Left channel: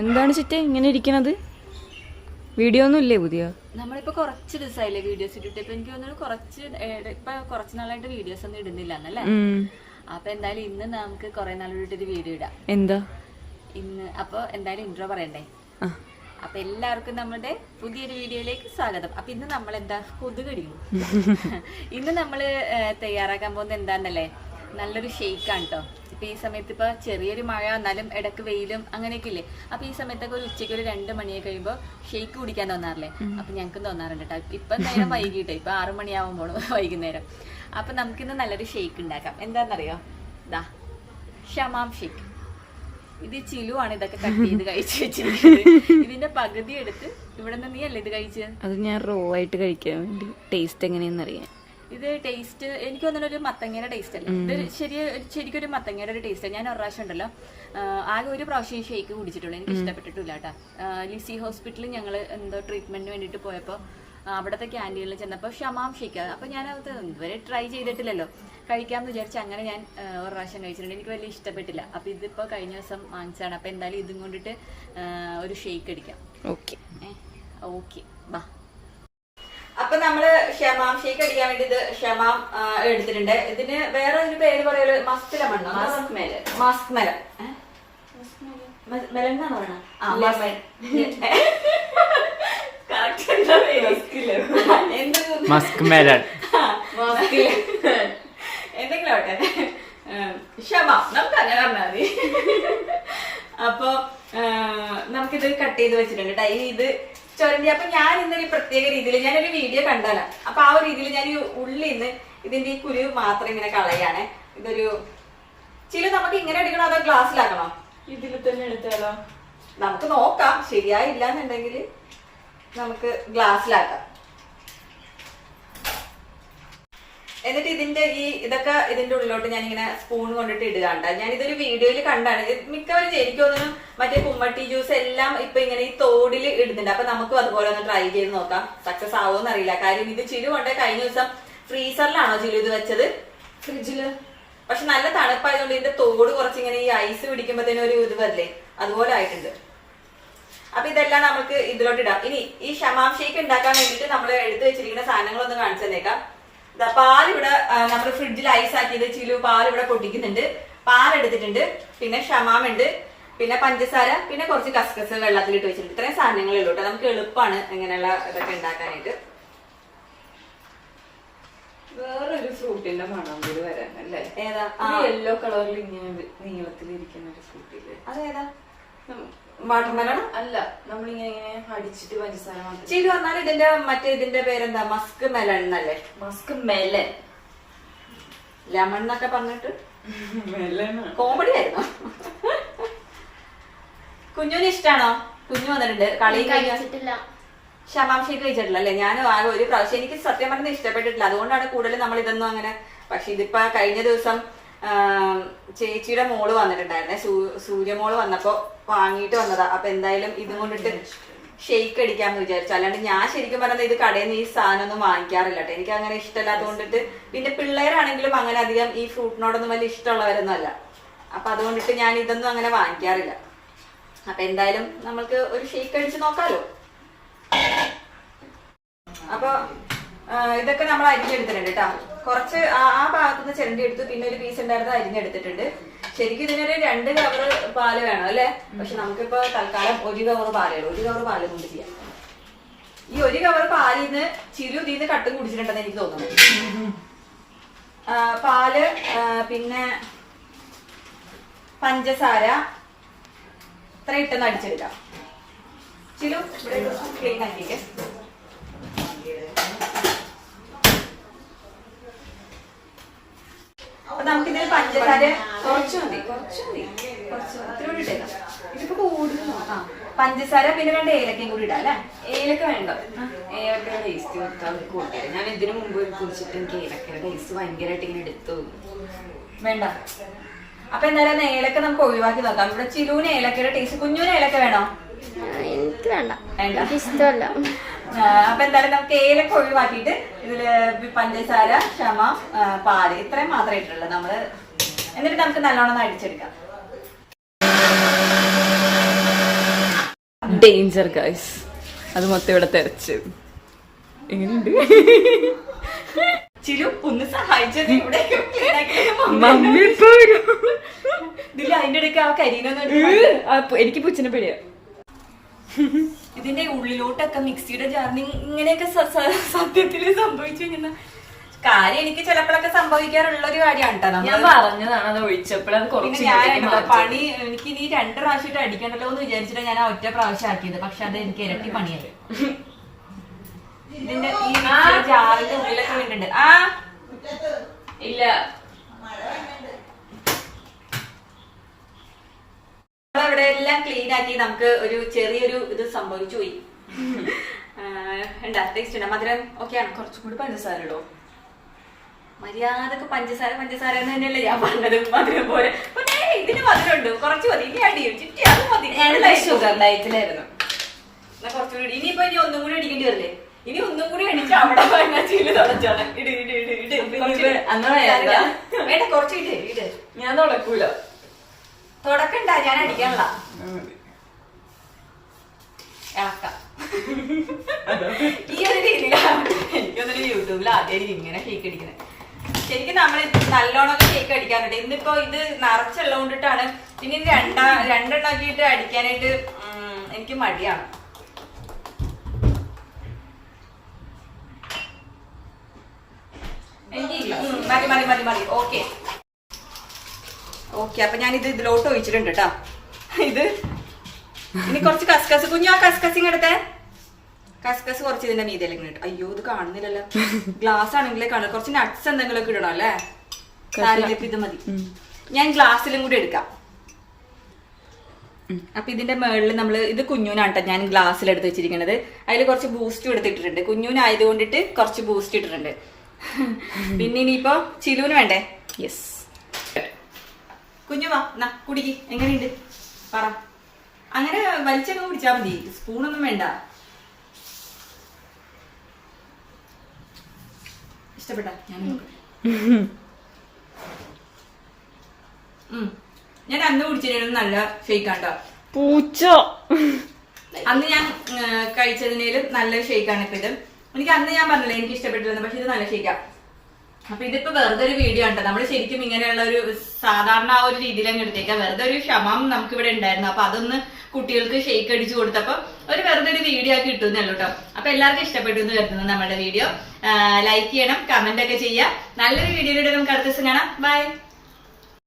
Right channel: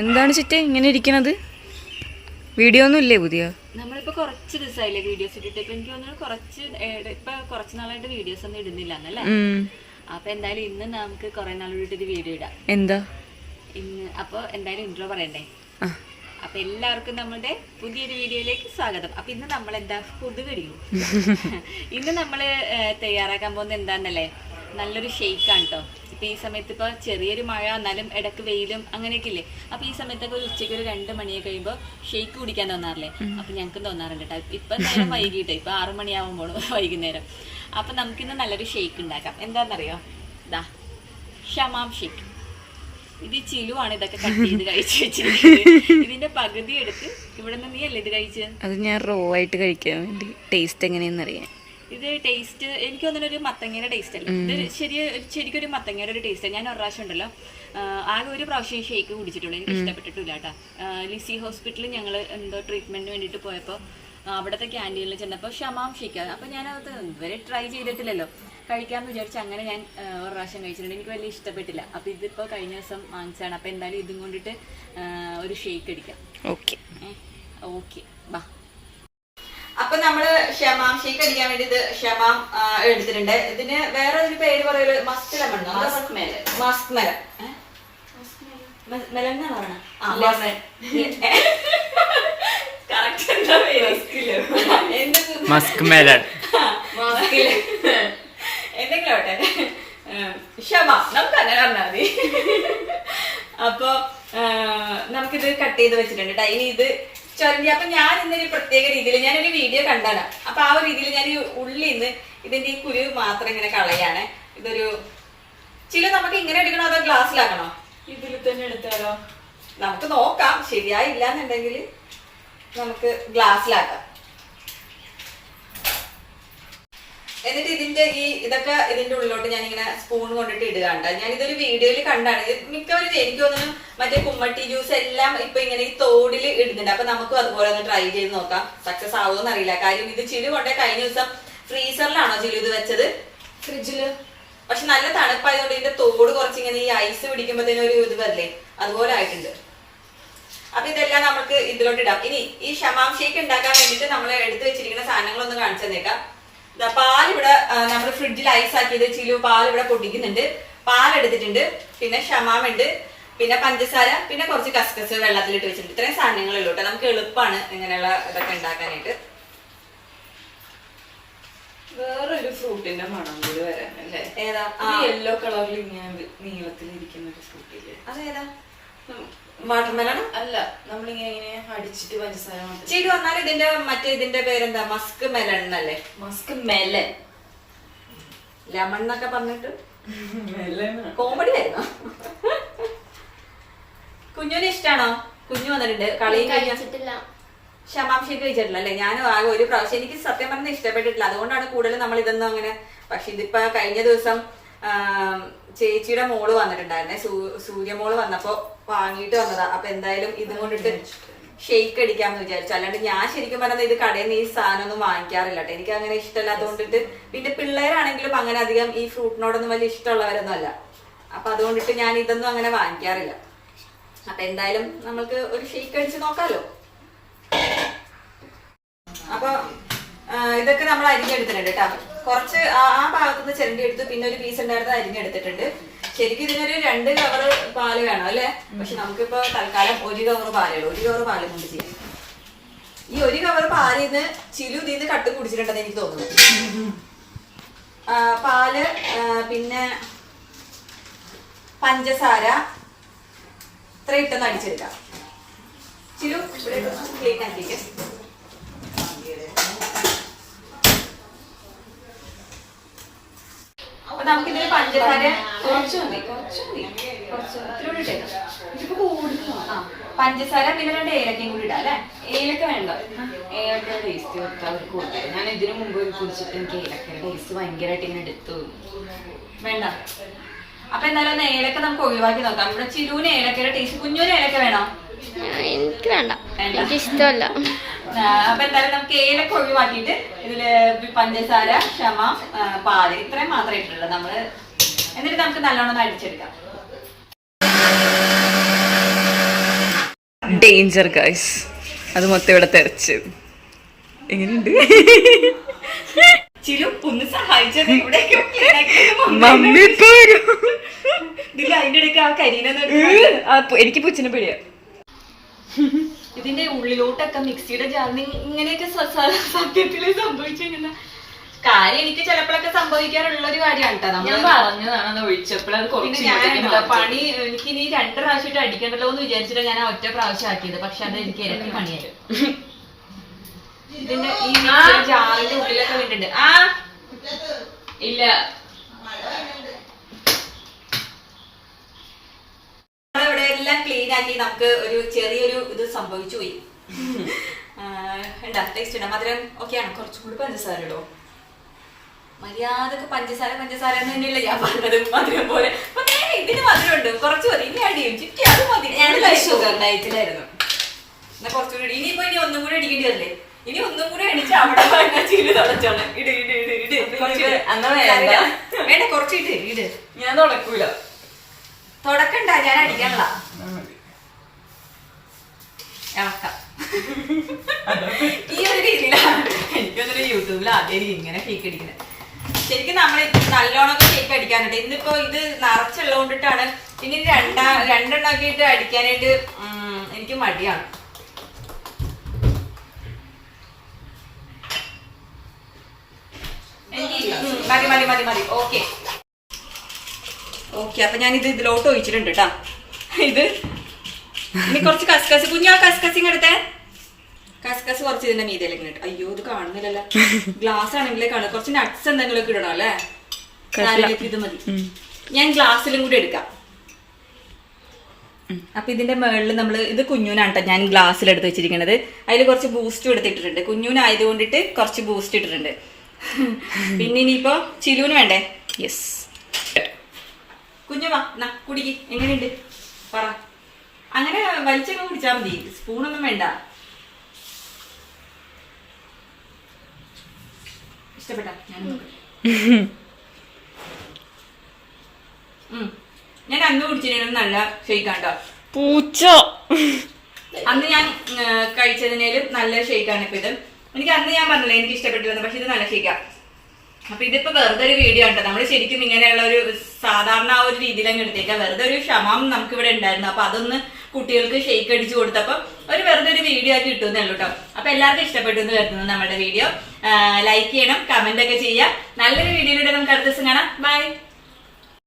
എന്താണ് ചിറ്റേ ഇങ്ങനെ ഇരിക്കണത്? വീഡിയോ ഒന്നും ഇല്ലേ പുതിയ? നമ്മളിപ്പോ കുറച്ച് ദിവസമായില്ലേ വീഡിയോസ് ഇട്ടിട്ട്. ഇപ്പൊ എനിക്ക് തോന്നുന്നു കുറച്ച് ഇപ്പൊ കുറച്ച് നാളായിട്ട് വീഡിയോസ് ഒന്നും ഇടുന്നില്ല എന്നല്ലേ. അപ്പൊ എന്തായാലും ഇന്ന് നമുക്ക് കുറെ നാൾ ഒരു വീഡിയോ ഇടാം. എന്താ? ഇന്ന് അപ്പൊ എന്തായാലും ഇൻട്രോ പറയണ്ടേ? അപ്പൊ എല്ലാവർക്കും നമ്മുടെ പുതിയൊരു വീഡിയോയിലേക്ക് സ്വാഗതം. അപ്പൊ ഇന്ന് നമ്മൾ എന്താ കൊതുകടിയോ? ഇന്ന് നമ്മൾ തയ്യാറാക്കാൻ പോകുന്നത് എന്താന്നല്ലേ? നല്ലൊരു ഷെയ്ക്കാണ് കേട്ടോ ഇപ്പം ഈ സമയത്ത് ഇപ്പോൾ ചെറിയൊരു മഴ എന്നാലും ഇടയ്ക്ക് വെയിലും അങ്ങനെയൊക്കെ ഇല്ലേ? അപ്പം ഈ സമയത്തൊക്കെ ഒരു ഉച്ചയ്ക്ക് ഒരു രണ്ട് മണിയൊക്കെ കഴിയുമ്പോൾ ഷെയ്ക്ക് കുടിക്കാൻ തോന്നാറില്ലേ? അപ്പം ഞങ്ങൾക്കും തോന്നാറുണ്ട് കേട്ടോ ഇപ്പം എന്തായാലും വൈകിട്ട്. ഇപ്പം ആറു മണിയാവുമ്പോൾ വൈകുന്നേരം. അപ്പം നമുക്കിന്ന് നല്ലൊരു ഷെയ്ക്ക് ഉണ്ടാക്കാം. എന്താണെന്നറിയോ ഇതാ ഷമാം ഷെയ്ക്ക് ഇത് ചിലുവാണ് ഇതൊക്കെ കട്ട് ചെയ്ത് കഴിച്ചു വെച്ചിരിക്കുന്നത്. ഇതിന്റെ പകുതി എടുത്ത് ഇവിടെ നിന്ന് നീ അല്ലേ ഇത് കഴിച്ചത് അത് ഞാൻ റോ ആയിട്ട് കഴിക്കാൻ വേണ്ടി. ടേസ്റ്റ് എങ്ങനെയെന്ന് അറിയാൻ ഇത് ടേസ്റ്റ് എനിക്ക് തോന്നുന്ന ഒരു മത്തങ്ങയുടെ ടേസ്റ്റ് അല്ല? ഇത് ശരി ശരിക്കും ഒരു മത്തങ്ങയുടെ ഒരു ടേസ്റ്റ് ഞാൻ ഒരു പ്രാവശ്യം ഉണ്ടല്ലോ. ആകെ ഒരു പ്രാവശ്യം ഷേക്ക് കുടിച്ചിട്ടുള്ളൂ. എനിക്ക് ഇഷ്ടപ്പെട്ടിട്ടില്ല കേട്ടോ. ലിസി ഹോസ്പിറ്റലിൽ ഞങ്ങൾ എന്തോ ട്രീറ്റ്മെന്റിന് വേണ്ടിട്ട് പോയപ്പോൾ അവിടുത്തെ ക്യാന്റീനിൽ ചെന്നപ്പോൾ ഷമാം ഷേക്ക് അപ്പോൾ ഞാനത് ഇതുവരെ ട്രൈ ചെയ്തിട്ടില്ലല്ലോ. കഴിക്കാമെന്ന് വിചാരിച്ച് അങ്ങനെ ഞാൻ ഒരു പ്രാവശ്യം കഴിച്ചിട്ടുണ്ട്. എനിക്ക് വലിയ ഇഷ്ടപ്പെട്ടില്ല. അപ്പോൾ ഇതിപ്പോൾ കഴിഞ്ഞ ദിവസം വാങ്ങിച്ചാണ് അപ്പോൾ എന്തായാലും ഇതും കൊണ്ടിട്ട് ഒരു ഷേക്ക് അടിക്കാം. Okay okay. ബാ. അപ്പൊ നമ്മൾ ഷമാം ഷേക്ക് അടിക്കാൻ വേണ്ടി ഇത് ക്ഷമാം എടുത്തിട്ടുണ്ട്. ഇതിന് വേറെ ഒരു പേര് പറയൽ musk മണ്ണോ musk melon musk melon melon എന്നാണ് പറയണത് ആ, മസ്ക്. ലെമൺ. എന്തെങ്കിലും ആവട്ടെ. ക്ഷമ നമുക്ക് അങ്ങനെ പറഞ്ഞാൽ മതി. അപ്പൊ നമുക്കിത് കട്ട് ചെയ്ത് വെച്ചിട്ടുണ്ട് ട്ടോ. ഇനി ഇത് ചൊരണ്ടി അപ്പൊ ഞാൻ ഇന്നൊരു പ്രത്യേക രീതിയിൽ ഞാനൊരു വീഡിയോ കണ്ടാണ് അപ്പൊ ആ ഒരു രീതിയിൽ ഞാൻ ഈ ഉള്ളിൽ നിന്ന് ഇതിന്റെ ഈ കുരു മാത്രം ഇങ്ങനെ കളയാണ്. ഇതൊരു ചില നമുക്ക് ഇങ്ങനെ എടുക്കണോ അതോ ഗ്ലാസ്സിലാക്കണോ? ഇതിൽ തന്നെ എടുത്താലോ? നമുക്ക് നോക്കാം. ശരിയായില്ല എന്നുണ്ടെങ്കിൽ നമുക്ക് ഗ്ലാസ്സിലാക്കാം. എന്നിട്ട് ഇതിന്റെ ഈ ഇതൊക്കെ ഇതിന്റെ ഉള്ളിലോട്ട് ഞാൻ ഇങ്ങനെ സ്പൂൺ കൊണ്ടിട്ട് ഇടുകണ്ട ഞാൻ ഇതൊരു വീഡിയോയിൽ കണ്ടാണ്. മിക്കവരും എനിക്ക് തോന്നുന്നു മറ്റേ കുമ്മട്ടി ജ്യൂസ് എല്ലാം ഇപ്പൊ ഇങ്ങനെ ഈ തോടിൽ ഇടുന്നുണ്ട്. അപ്പൊ നമുക്കും അതുപോലെ ഒന്ന് ട്രൈ ചെയ്ത് നോക്കാം. സക്സസ് ആവുമെന്ന് അറിയില്ല. കാര്യം ഇത് ചിലു കൊണ്ടേ കഴിഞ്ഞ ദിവസം ഫ്രീസറിലാണോ ചിലു ഇത് വെച്ചത്? ഫ്രിഡ്ജിൽ. പക്ഷെ നല്ല തണുപ്പായതുകൊണ്ട് ഇതിന്റെ തോട് കുറച്ച് ഇങ്ങനെ ഈ ഐസ് പിടിക്കുമ്പോഴത്തേനും ഒരു ഇത് വരില്ലേ? അതുപോലെ ആയിട്ടുണ്ട്. അപ്പൊ ഇതെല്ലാം നമുക്ക് ഇതിലോട്ട് ഇടാം. ഇനി ഈ ഷമാം ഷേക്ക് ഉണ്ടാക്കാൻ വേണ്ടിയിട്ട് നമ്മൾ എടുത്തു വെച്ചിരിക്കുന്ന സാധനങ്ങളൊന്ന് കാണിച്ചു തന്നേക്കാം. പാൽ ഇവിടെ നമ്മൾ ഫ്രിഡ്ജിൽ ഐസ് ആക്കിയത് ചിലു പാൽ ഇവിടെ പൊട്ടിക്കുന്നുണ്ട്. പാലെടുത്തിട്ടുണ്ട്. പിന്നെ ഷമാമുണ്ട്. പിന്നെ പഞ്ചസാര പിന്നെ കുറച്ച് കസ്കസ് വെള്ളത്തിലിട്ട് വെച്ചിട്ടുണ്ട്. ഇത്രയും സാധനങ്ങളുള്ളൂ കേട്ടോ നമുക്ക് എളുപ്പമാണ് ഇങ്ങനെയുള്ള ഇതൊക്കെ ഉണ്ടാക്കാനായിട്ട്. വേറൊരു ഫ്രൂട്ടിന്റെ മണം കൂടി വരാനല്ലേ? ഏതാ? യെല്ലോ കളറിൽ ഇങ്ങനെ നീളത്തിൽ ഇരിക്കുന്ന ഒരു ഫ്രൂട്ടില്ലേ? അതേതാ? വാട്ടർമെലൺ? അല്ല നമ്മളിങ്ങനെ ഇങ്ങനെ അടിച്ചിട്ട് പഞ്ചസാര ചിലു വന്നാൽ ഇതിന്റെ മറ്റേ ഇതിന്റെ പേരെന്താ? മസ്ക് മെലൺ എന്നല്ലേ? Musk melon. ലെമൺ എന്നൊക്കെ പറഞ്ഞിട്ട് കോമഡി ആയിരുന്നു. കുഞ്ഞുവിന് ഇഷ്ടാണോ? കുഞ്ഞു വന്നിട്ടുണ്ട്. കളി കഴിച്ചിട്ടില്ല. ഷമാംശയ്ക്ക് കഴിച്ചിട്ടില്ല അല്ലേ? ഞാനും ആകെ ഒരു പ്രാവശ്യം എനിക്ക് സത്യം പറഞ്ഞാൽ ഇഷ്ടപ്പെട്ടിട്ടില്ല. അതുകൊണ്ടാണ് കൂടുതൽ നമ്മൾ ഇതൊന്നും അങ്ങനെ പക്ഷെ ഇതിപ്പോ കഴിഞ്ഞ ദിവസം ചേച്ചിയുടെ മോൾ വന്നിട്ടുണ്ടായിരുന്നേ. സൂര്യമോൾ വന്നപ്പോ വാങ്ങിയിട്ട് വന്നതാ. അപ്പൊ എന്തായാലും ഇതും കൊണ്ടിട്ട് ഷെയ്ക്ക് അടിക്കാന്ന് വിചാരിച്ചു. അല്ലാണ്ട് ഞാൻ ശരിക്കും പറഞ്ഞത് ഇത് കടയിൽ നിന്ന് ഈ സാധനം ഒന്നും വാങ്ങിക്കാറില്ല കേട്ടോ. എനിക്ക് അങ്ങനെ ഇഷ്ടമല്ലാത്തതുകൊണ്ടിട്ട് പിന്നെ പിള്ളേരാണെങ്കിലും അങ്ങനെ അധികം ഈ ഫ്രൂട്ടിനോടൊന്നും വലിയ ഇഷ്ടമുള്ളവരൊന്നും അല്ല. അപ്പൊ അതുകൊണ്ടിട്ട് ഞാൻ ഇതൊന്നും അങ്ങനെ വാങ്ങിക്കാറില്ല. അപ്പൊ എന്തായാലും നമ്മൾക്ക് ഒരു ഷെയ്ക്ക് അടിച്ച് നോക്കാലോ. അപ്പൊ ഇതൊക്കെ നമ്മൾ അരിഞ്ഞെടുത്തിട്ടുണ്ട് കേട്ടോ. കുറച്ച് ആ ഭാഗത്തുനിന്ന് ചിരണ്ടി എടുത്ത്. പിന്നെ ഒരു പീസ് ഉണ്ടായിരുന്നത് അരിഞ്ഞെടുത്തിട്ടുണ്ട്. ശരിക്കും ഇതിനൊരു രണ്ട് കവർ പാൽ വേണം അല്ലേ? പക്ഷെ നമുക്കിപ്പോ തൽക്കാലം ഒരു കവർ പാലേ ഉള്ളൂ. ഒരു കവർ പാൽ കൊണ്ട് ചെയ്യാം. ഈ ഒരു കവർ പാലിൽ നിന്ന് ചിലു ഇതിൽ നിന്ന് കട്ടും കുടിച്ചിട്ടുണ്ടെന്ന് എനിക്ക് തോന്നുന്നു. പാൽ പിന്നെ പഞ്ചസാര ഇത്ര ഇട്ടെന്ന് അടിച്ചെടുക്കാം. ചിലു ഇവിടെ ക്ലീൻ ആക്കിയിട്ട് അപ്പൊ നമുക്കിതിൽ പഞ്ചസാര കുറച്ച് മതി കുറച്ച് മതി. കുറച്ച് ഇട്ടേക്കാം. ഇതിപ്പോ കൂടുതലും ആ പഞ്ചസാര പിന്നെ രണ്ട് ഏലക്കയും കൂടി ഇടാം അല്ലേ? ഏലക്ക വേണ്ട. ഏലക്ക ടേസ്റ്റ് വെക്കാൻ കൂടുതലും ഞാൻ ഇതിനു മുമ്പ് കുടിച്ചിട്ട് എനിക്ക് ഏലക്കയുടെ ടേസ്റ്റ് ഭയങ്കരമായിട്ട് ഇങ്ങനെ എടുത്തു വേണ്ട. അപ്പൊ എന്തായാലും ഏലക്ക നമുക്ക് ഒഴിവാക്കി നോക്കാം. ഇവിടെ ചിലൂന് ഏലക്കയുടെ ടേസ്റ്റ് കുഞ്ഞുവിന് ഏലക്ക വേണോ? എനിക്ക് വേണ്ട. വേണ്ട. എനിക്ക് ഇഷ്ടമല്ല അപ്പൊ എന്തായാലും നമുക്ക് ഏലക്ക ഒഴിവാക്കിയിട്ട് ഇതിൽ പഞ്ചസാര ക്ഷമ പാൽ ഇത്രയും മാത്രമേ ഇട്ടുള്ളൂ. നമ്മൾ എന്നിട്ട് നമുക്ക് നല്ലോണം അടിച്ചെടുക്കാം. ഡേഞ്ചർ ഗൈസ് അത് മൊത്തം ഇവിടെ തെറിച്ച്. എങ്ങനെയുണ്ട് ചിലു ഒന്ന് സഹായിച്ചത് മമ്മി. വരും. ഇതിൽ അതിന്റെ ഇടയ്ക്ക് ആ കരീനെന്ന് എനിക്ക് പുച്ചിനെ പേടിയാ. ഇതിന്റെ ഉള്ളിലോട്ടൊക്കെ മിക്സിയുടെ ജാറിന് ഇങ്ങനെയൊക്കെ സത്യത്തിൽ സംഭവിച്ചു കഴിഞ്ഞാൽ കാര്യം എനിക്ക് ചിലപ്പോഴൊക്കെ സംഭവിക്കാറുള്ള ഒരു കാര്യമാണ് കേട്ടോ ഞാൻ പറഞ്ഞതാണ് അത് ഒഴിച്ചപ്പോഴത് കുറച്ച് പണി എനിക്ക് ഇനി രണ്ട് പ്രാവശ്യമായിട്ട് അടിക്കണ്ടല്ലോ എന്ന് വിചാരിച്ചിട്ട് ഞാൻ ആ ഒറ്റ പ്രാവശ്യം ആക്കിയത് പക്ഷെ അത് എനിക്ക് ഇരട്ടി പണിയായി. ഇതിന്റെ ഈ ജാറിന്റെ ഉള്ളിലൊക്കെ വീണ്ടുണ്ട് ആ. ഇല്ല ഇവിടെ എല്ലാം ക്ലീൻ ആക്കി നമുക്ക് ഒരു ചെറിയൊരു ഇത് സംഭവിച്ചു പോയി. ഉണ്ടാ ടേസ്റ്റ് ഉണ്ട്. മധുരം ഓക്കെയാണ് കുറച്ചും കൂടി പഞ്ചസാര ഇടോ. മര്യാദയ്ക്ക് പഞ്ചസാര പഞ്ചസാര എന്ന് തന്നെയല്ലേ ഞാൻ പറഞ്ഞത്. മധുരം പോലെ. ഇതിന് മധുരം ഉണ്ട് കുറച്ച് മതി. ഇനി അടിയും ചുറ്റി അത് മതി. ഷുഗർ ഡയറ്റിലായിരുന്നു എന്നാ കുറച്ചുകൂടി ഇനിയിപ്പോ ഇനി ഒന്നും കൂടി അടിക്കേണ്ടി വരില്ലേ? ഇനി ഒന്നും കൂടി അടിച്ച് അവിടെ വേണ്ട ചീൽ തുടച്ചോളാം. ഇട് ഇട് ഇട് ഇട്. വേണ്ട കുറച്ച് ഇട് ഇട്. ഞാൻ തുടക്കൂല. തുടക്കണ്ട ഞാൻ അടിക്കാനുള്ള. എനിക്കൊന്നൊരു യൂട്യൂബിൽ ആദ്യം ഇങ്ങനെ കേക്ക് അടിക്കുന്നത്. ശരിക്കും നമ്മൾ നല്ലോണമൊക്കെ കേക്ക് അടിക്കാനുണ്ട് ഇന്നിപ്പോ ഇത് നിറച്ചുള്ളത് കൊണ്ടിട്ടാണ് ഇനി രണ്ടാ രണ്ടെണ്ണാക്കിയിട്ട് അടിക്കാനായിട്ട് എനിക്ക് മടിയാണ്. എനിക്ക് മതി മതി മതി. ഓക്കെ. ഓക്കെ അപ്പൊ ഞാൻ ഇത് ഇതിലോട്ട് ഒഴിച്ചിട്ടുണ്ട് കേട്ടോ ഇത് ഇനി കുറച്ച് കസ്കസ് കുഞ്ഞാ കസ്കസിങ് എടുത്തേ കസ്കസ് കുറച്ച് ഇതിന്റെ മീതിയിലേക്ക് ഇട്ട്. അയ്യോ ഇത് കാണുന്നില്ലല്ലോ. ഗ്ലാസ് ആണെങ്കിലേ കാണും. കുറച്ച് നട്ട്സ് എന്തെങ്കിലും ഇടണം അല്ലേ? ഇത് മതി. ഞാൻ ഗ്ലാസ്സിലും കൂടി എടുക്കാം. അപ്പൊ ഇതിന്റെ മുകളിൽ നമ്മൾ ഇത് കുഞ്ഞൂനാണ് കേട്ടോ ഞാൻ ഗ്ലാസ്സിൽ എടുത്ത് വെച്ചിരിക്കുന്നത് അതിൽ കുറച്ച് ബൂസ്റ്റ് എടുത്തിട്ടിട്ടുണ്ട്. കുഞ്ഞൂനായത് കൊണ്ടിട്ട് കുറച്ച് ബൂസ്റ്റ് ഇട്ടിട്ടുണ്ട്. പിന്നെ ഇനിയിപ്പോ ചിലൂന് വേണ്ടേ? യെസ് കുഞ്ഞു വാ ന കുടിക്ക്. എങ്ങനെയുണ്ട്? പറ. അങ്ങനെ വലിച്ചൊക്കെ കുടിച്ചാൽ മതി. സ്പൂണൊന്നും വേണ്ട. ഇഷ്ടപ്പെട്ട? ഞാൻ. ഞാൻ അന്ന് കുടിച്ചിരുന്നത് നല്ല ഷെയ്ക്കാണ്ടോ പൂച്ച? അന്ന് ഞാൻ കഴിച്ചതിനേലും നല്ല ഷെയ്ക്കാണ് ഇപ്പൊ ഇത്. എനിക്ക് അന്ന് ഞാൻ പറഞ്ഞില്ല എനിക്ക് ഇഷ്ടപ്പെട്ടിരുന്നു പക്ഷെ ഇത് നല്ല ഷെയ്ക്കാ. അപ്പൊ ഇതിപ്പോ വെറുതെ ഒരു വീഡിയോ ഉണ്ട് നമ്മൾ ശരിക്കും ഇങ്ങനെയുള്ള ഒരു സാധാരണ ആ ഒരു രീതിയിൽ അങ്ങ് എടുത്തേക്കാം വെറുതെ ഒരു ക്ഷമം നമുക്ക് ഇവിടെ ഉണ്ടായിരുന്നു. അപ്പൊ അതൊന്ന് കുട്ടികൾക്ക് ഷെയ്ക്ക് അടിച്ചു കൊടുത്തപ്പോ ഒരു വെറുതെ ഒരു വീഡിയോ ആക്കി കിട്ടുന്നേ ഉള്ളൂ കേട്ടോ അപ്പൊ എല്ലാവർക്കും ഇഷ്ടപ്പെട്ടു എന്ന് കരുതുന്നു നമ്മുടെ വീഡിയോ ലൈക്ക് ചെയ്യണം കമന്റ് ഒക്കെ ചെയ്യുക. നല്ലൊരു വീഡിയോയിലൂടെ നമുക്ക് അടുത്ത ദിവസം കാണാം. ബൈ